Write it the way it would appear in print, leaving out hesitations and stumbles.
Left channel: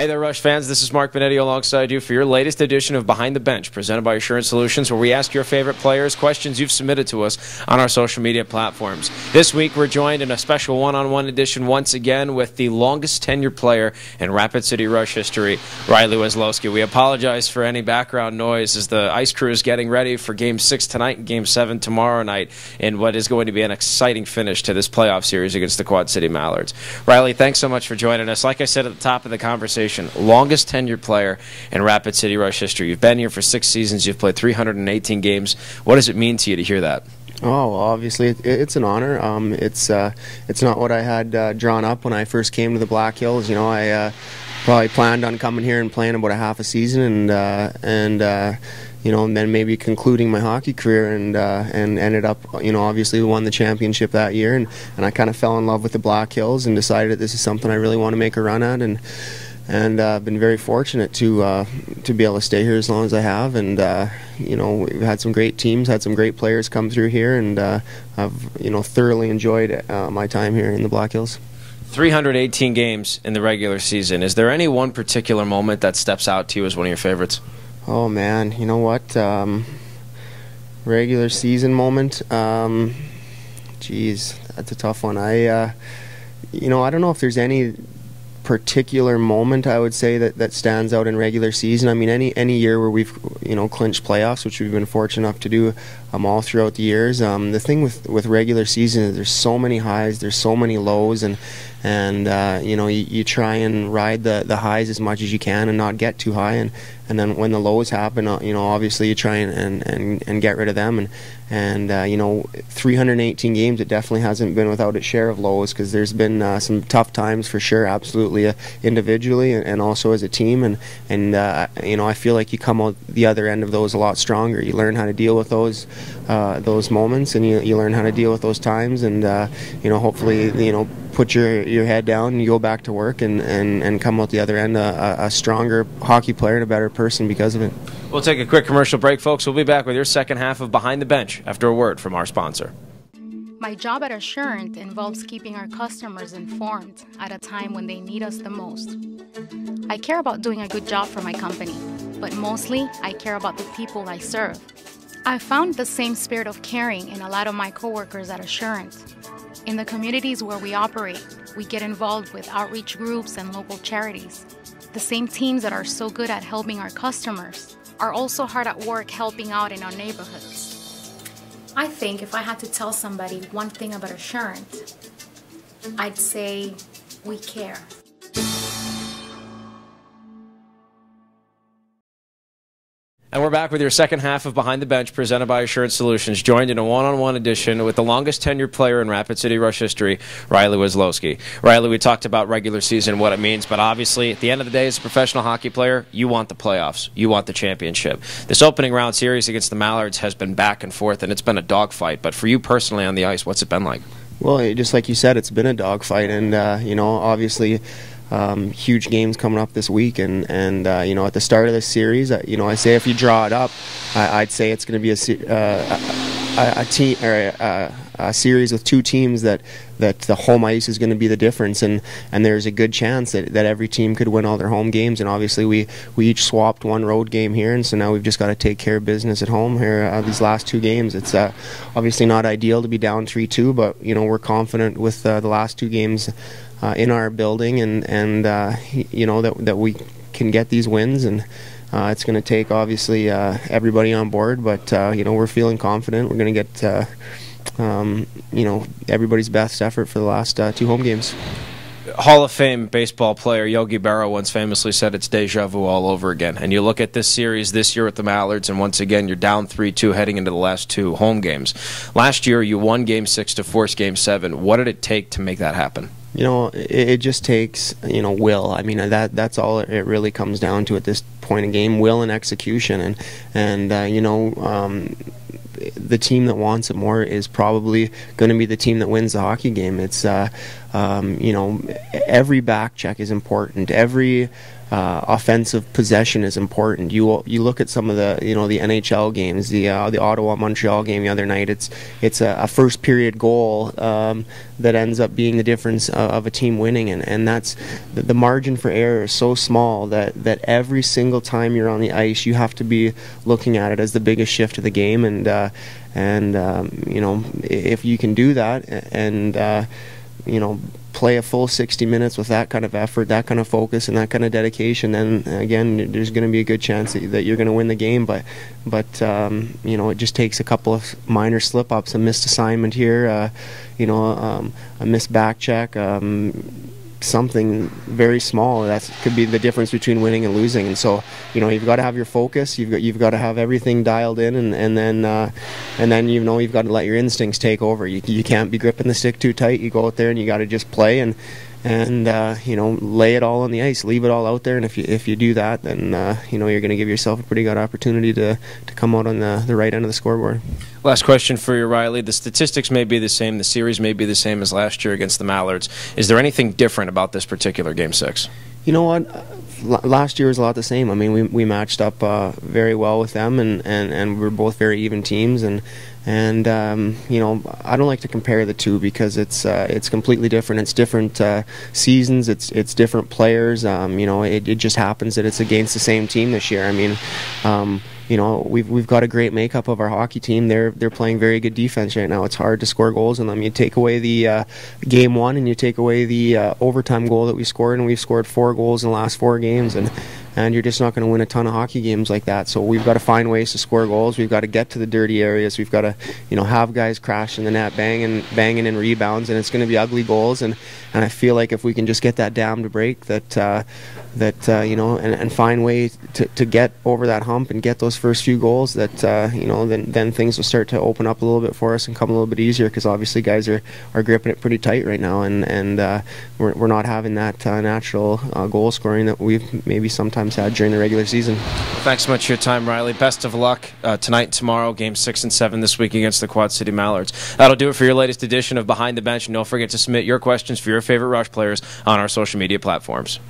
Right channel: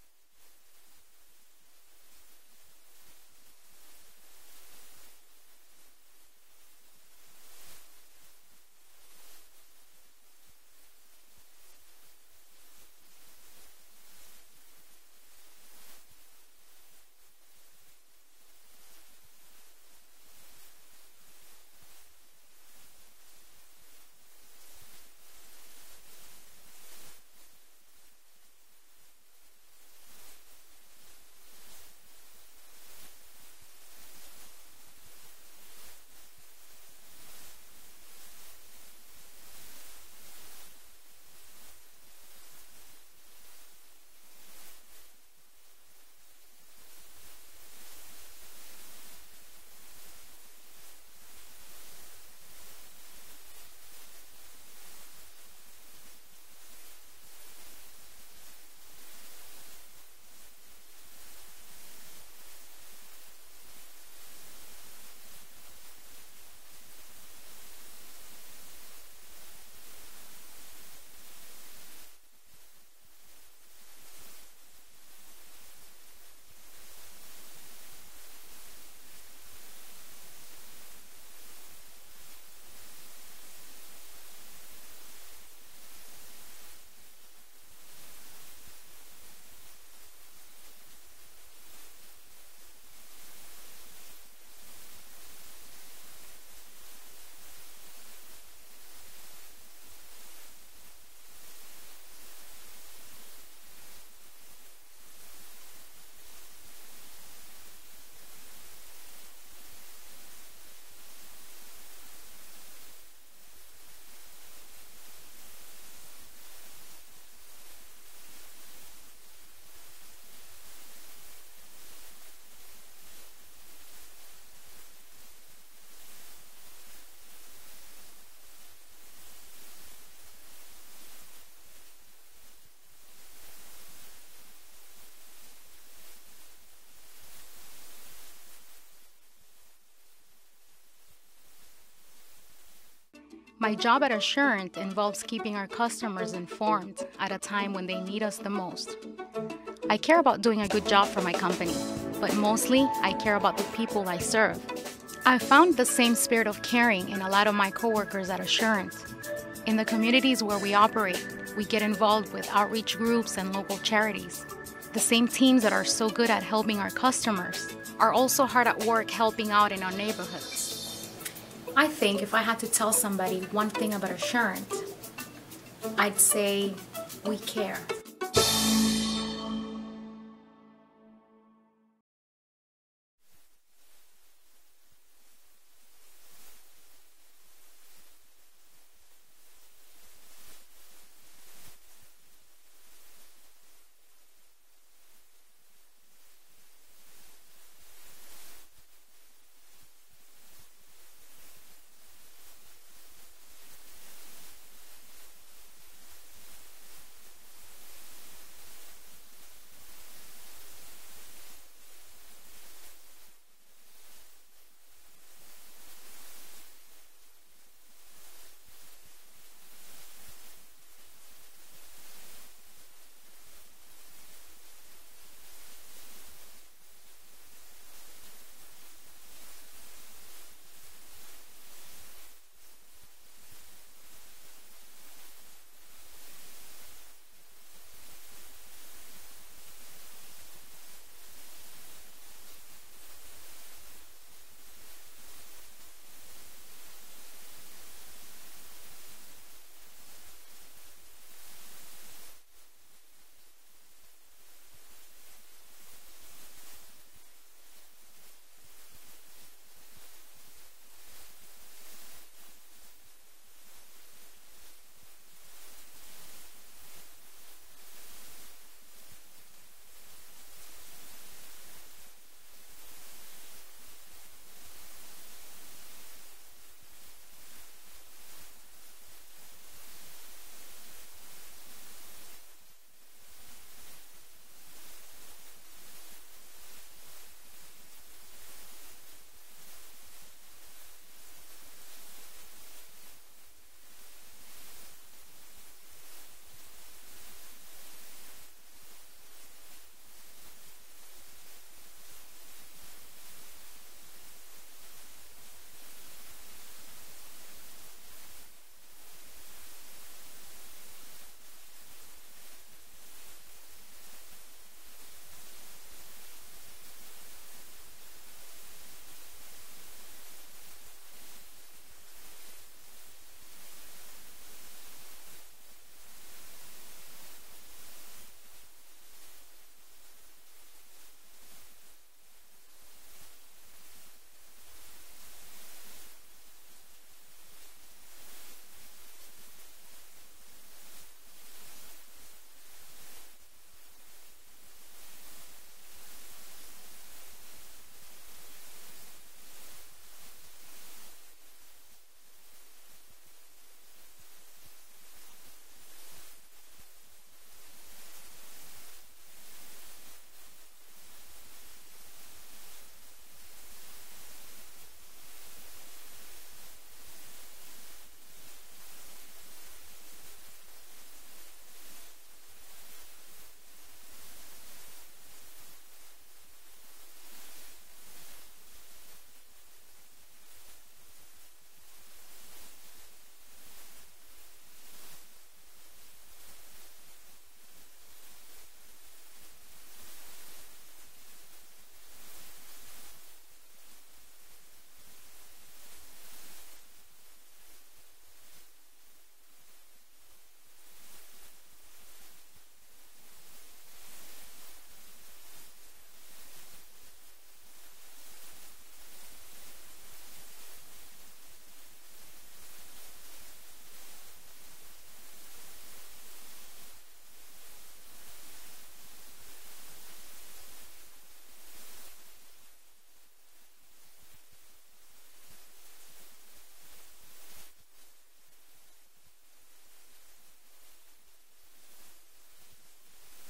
Hey there, Rush fans. This is Mark Benetti alongside you for your latest edition of Behind the Bench, presented by Assurance Solutions, where we ask your favorite players questions you've submitted to us on our social media platforms. This week, we're joined in a special one-on-one edition once again with the longest tenured player in Rapid City Rush history, Riley Weslowski. We apologize for any background noise as the ice crew is getting ready for Game 6 tonight and Game 7 tomorrow night in what is going to be an exciting finish to this playoff series against the Quad City Mallards. Riley, thanks so much for joining us. Like I said at the top of the conversation, longest tenured player in Rapid City Rush history. You've been here for 6 seasons. You've played 318 games. What does it mean to you to hear that? Oh, well, obviously it's an honor. It's not what I had drawn up when I first came to the Black Hills. You know, I probably planned on coming here and playing about a half a season, and you know, and then maybe concluding my hockey career, and ended up, you know, obviously we won the championship that year, and I kind of fell in love with the Black Hills and decided that this is something I really want to make a run at, and I've been very fortunate to be able to stay here as long as I have, and you know, we've had some great teams, had some great players come through here, and I've, you know, thoroughly enjoyed my time here in the Black Hills. 318 games in the regular season. Is there any one particular moment that steps out to you as one of your favorites? Oh man, you know what? Regular season moment. Geez, that's a tough one. You know, I don't know if there's any particular moment I would say that stands out in regular season. I mean, any year where we've, you know, clinched playoffs, which we've been fortunate enough to do all throughout the years. The thing with regular season is there's so many highs, there's so many lows, and you know, you try and ride the highs as much as you can and not get too high, and then when the lows happen, you know, obviously you try and get rid of them, and you know, 318 games, it definitely hasn't been without its share of lows, because there's been some tough times for sure, absolutely, individually and also as a team, and you know, I feel like you come out the other end of those a lot stronger. You learn how to deal with those moments, and you learn how to deal with those times, and you know, hopefully, you know, put your head down and you go back to work and come out the other end a stronger hockey player and a better person because of it. We'll take a quick commercial break, folks. We'll be back with your second half of Behind the Bench after a word from our sponsor. My job at Assurant involves keeping our customers informed at a time when they need us the most. I care about doing a good job for my company, but mostly I care about the people I serve. I found the same spirit of caring in a lot of my coworkers at Assurant. In the communities where we operate, we get involved with outreach groups and local charities. The same teams that are so good at helping our customers are also hard at work helping out in our neighborhoods. I think if I had to tell somebody one thing about Assurant, I'd say we care. And we're back with your second half of Behind the Bench, presented by Assurance Solutions, joined in a one-on-one edition with the longest tenured player in Rapid City Rush history, Riley Weslowski. Riley, we talked about regular season, what it means, but obviously, at the end of the day, as a professional hockey player, you want the playoffs. You want the championship. This opening round series against the Mallards has been back and forth, and it's been a dogfight. But for you personally on the ice, what's it been like? Well, just like you said, it's been a dogfight, and you know, obviously, huge games coming up this week, and you know, at the start of this series, you know, I say if you draw it up, I'd say it's going to be a series with two teams that the home ice is going to be the difference, and there's a good chance that every team could win all their home games, and obviously we each swapped one road game here, and so now we've just got to take care of business at home here these last 2 games. It's obviously not ideal to be down 3-2, but you know, we're confident with the last 2 games in our building, and you know, that we can get these wins, and it's going to take obviously everybody on board, but you know, we're feeling confident. We're going to get you know, everybody's best effort for the last 2 home games. Hall of Fame baseball player Yogi Berra once famously said it's deja vu all over again. And you look at this series this year with the Mallards, and once again you're down 3-2 heading into the last 2 home games. Last year you won Game 6 to force Game 7. What did it take to make that happen? You know, it just takes, you know, will. I mean, that's all it really comes down to at this point in game, will and execution. And you know, the team that wants it more is probably going to be the team that wins the hockey game. It's you know, every back check is important. Every offensive possession is important. You look at some of the the NHL games, the Ottawa Montreal game the other night. It's a first period goal that ends up being the difference of a team winning, and that's the margin for error is so small that every single time you're on the ice you have to be looking at it as the biggest shift of the game, and if you can do that and play a full 60 minutes with that kind of effort, that kind of focus, and that kind of dedication, then again, there's going to be a good chance that you're going to win the game. But it just takes a couple of minor slip-ups, a missed assignment here, a missed back check, something very small that could be the difference between winning and losing. And so you've got to have your focus, you've got to have everything dialed in, and then you've got to let your instincts take over. You can't be gripping the stick too tight. You go out there and you got to just play and lay it all on the ice, leave it all out there. And if you do that, then you're going to give yourself a pretty good opportunity to come out on the right end of the scoreboard. Last question for you, Riley. The statistics may be the same, the series may be the same as last year against the Mallards. Is there anything different about this particular Game 6? You know what? Last year was a lot the same. I mean, we matched up very well with them, and we're both very even teams. And I don't like to compare the two because it's completely different. It's different seasons. It's different players. It just happens that it's against the same team this year. I mean, we've got a great makeup of our hockey team. They're playing very good defense right now. It's hard to score goals on them. You take away the game one and you take away the overtime goal that we scored, and we've scored 4 goals in the last 4 games, and you're just not going to win a ton of hockey games like that. So we've got to find ways to score goals. We've got to get to the dirty areas. We've got to have guys crash in the net, banging in rebounds, and it's going to be ugly goals. And I feel like if we can just get that dam to break, and find ways to get over that hump and get those first few goals, then things will start to open up a little bit for us and come a little bit easier, because obviously guys are gripping it pretty tight right now, and we're not having that natural goal scoring that we've maybe sometimes had during the regular season. Well, thanks so much for your time, Riley. Best of luck tonight and tomorrow, Game 6 and 7 this week against the Quad City Mallards. That'll do it for your latest edition of Behind the Bench, and don't forget to submit your questions for your favorite Rush players on our social media platforms.